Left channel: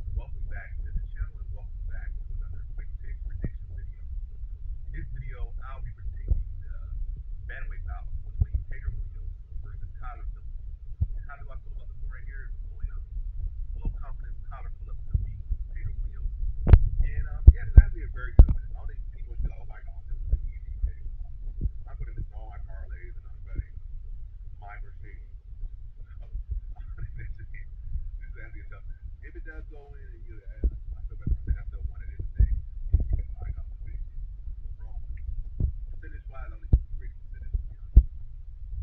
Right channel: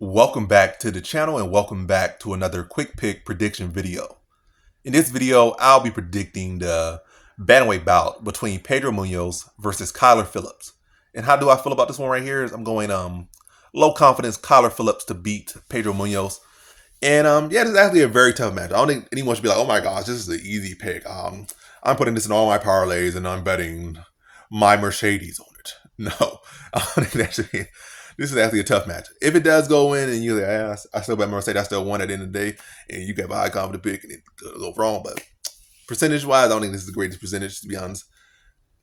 Welcome back to the channel and welcome back to another quick pick prediction video. In this video, I'll be predicting the bantamweight bout between Pedro Munhoz versus Kyller Phillips. And how do I feel about this one right here? Is I'm going low confidence Kyller Phillips to beat Pedro Munhoz. And yeah, this is actually a very tough match. I don't think anyone should be like, oh my gosh, this is an easy pick. I'm putting this in all my parlays and I'm betting my Mercedes on it. No, I don't think that should be. This is actually a tough match. If it does go in and you're like, I still bet Mercedes, I still won at the end of the day, and you get a high confident pick and it could go wrong. But percentage wise, I don't think this is the greatest percentage, to be honest.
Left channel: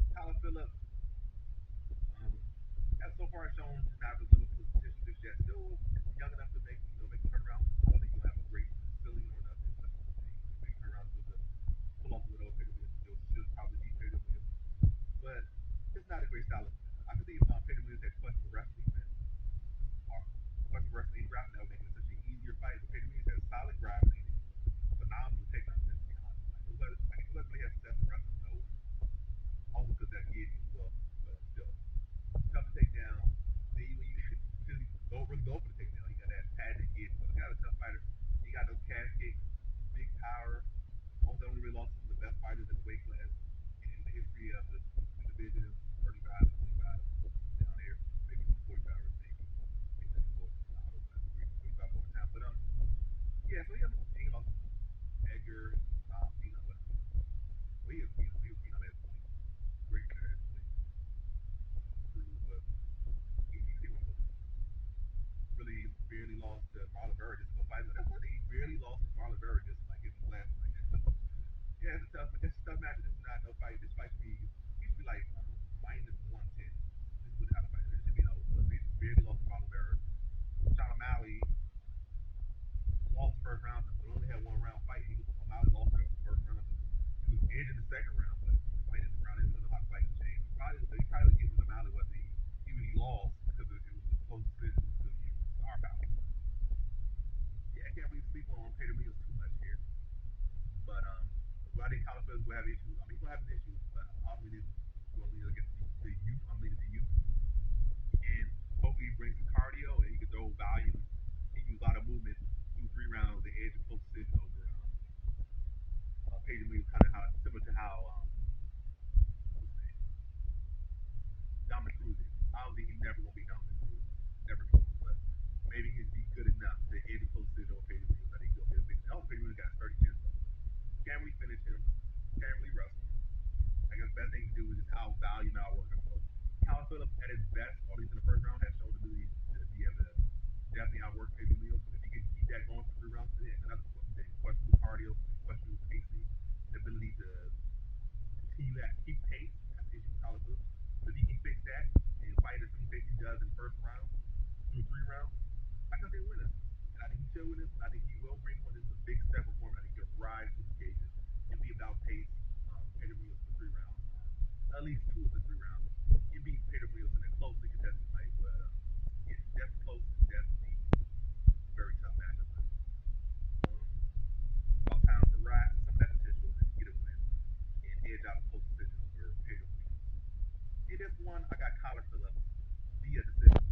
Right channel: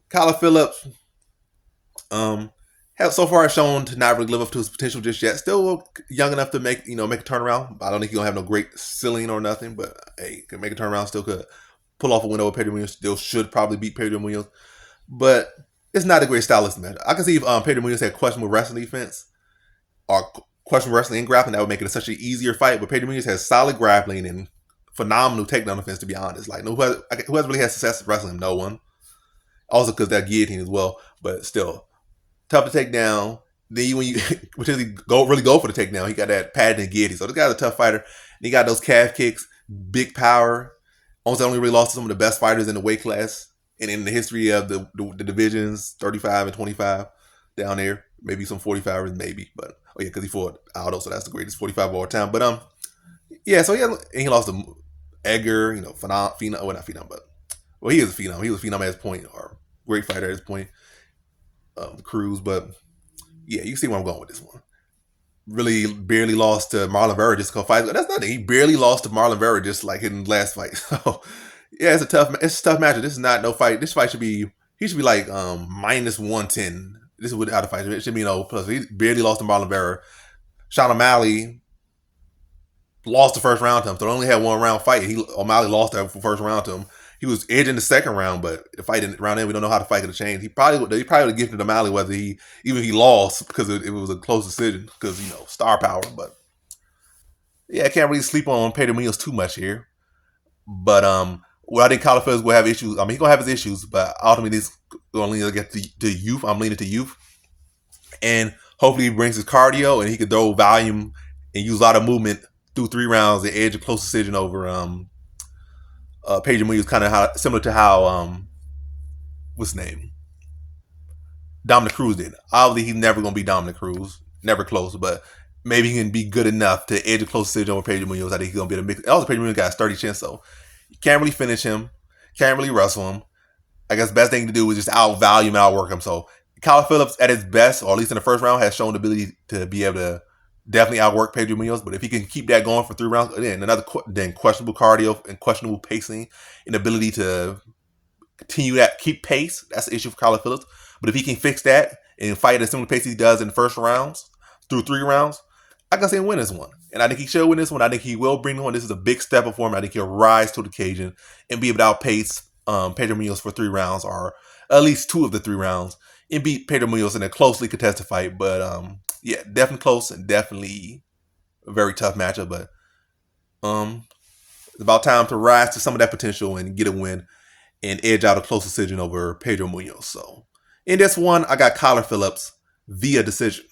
Kyler Phillips, have so far shown to not really live up to his potential just yet. Still young enough to make a turnaround. I don't think he's gonna have no great ceiling or nothing, but hey, can make a turnaround. Still could pull off a win over Pedro Munhoz. Still should probably beat Pedro Munhoz, but it's not a great stylistic match. I can see if Pedro Munhoz had questionable wrestling defense or questionable wrestling and grappling, that would make it such an easier fight. But Pedro Munhoz has solid grappling and phenomenal takedown defense, to be honest. Like, who has really had success wrestling him? No one. Also because that guillotine as well, but still tough to take down. Then when you potentially go for the takedown, he got that padded and guillotine. So this guy's a tough fighter. And he got those calf kicks, big power. Almost only really lost to some of the best fighters in the weight class and in the history of the divisions, 35 and 25 down there. Maybe some 45ers, maybe. But oh yeah, because he fought Aldo, so that's the greatest 45 of all time. But yeah, so he lost to Edgar, phenom. Well, not phenom, but he is a phenom. He was a phenom at his point, or great fighter at his point. Cruz, but yeah, you see where I'm going with this one. Really barely lost to Marlon Vera just because fight. That's nothing. He barely lost to Marlon Vera just like in the last fight. So yeah, it's a tough matchup. This is not no fight. This fight should be like minus 110. This is how the fight should be. It should be plus. He barely lost to Marlon Vera. Sean O'Malley lost the first round to him, so they only had one round fight. O'Malley lost the first round to him. He was edging the second round, but the fight in round end, we don't know how the fight could have changed. He probably would have gifted O'Malley whether he lost because it was a close decision because star power. But yeah, I can't really sleep on Pedro Munhoz too much here. But well, I think Kyler Phillips will have issues. I mean, he's gonna have his issues, but ultimately this will only get to youth. I'm leaning to youth, and hopefully he brings his cardio and he can throw volume and use a lot of movement through 3 rounds and edge a close decision over Pedro Munhoz, kind of similar to how what's his name, Dominic Cruz did. Obviously, he's never gonna be Dominic Cruz, never close, but maybe he can be good enough to edge a close decision over Pedro Munhoz. I think he's gonna be a mix. Also, Pedro Munhoz got a sturdy chin, so you can't really finish him, can't really wrestle him. I guess the best thing to do is just outvalue him, outwork him. So Kyler Phillips at his best, or at least in the first round, has shown the ability to be able to definitely outwork Pedro Munhoz. But if he can keep that going for 3 rounds, then questionable cardio and questionable pacing and ability to continue that, keep pace, that's the issue for Kyler Phillips. But if he can fix that and fight at a similar pace he does in the first rounds through 3 rounds, I can see him win this one. And I think he should win this one. I think he will bring the one. This is a big step up for him. I think he'll rise to the occasion and be able to outpace Pedro Munhoz for 3 rounds, or at least 2 of the 3 rounds, and beat Pedro Munhoz in a closely contested fight. But yeah, definitely close and definitely a very tough matchup. But it's about time to rise to some of that potential and get a win and edge out a close decision over Pedro Munhoz. So in this one, I got Kyler Phillips via decision.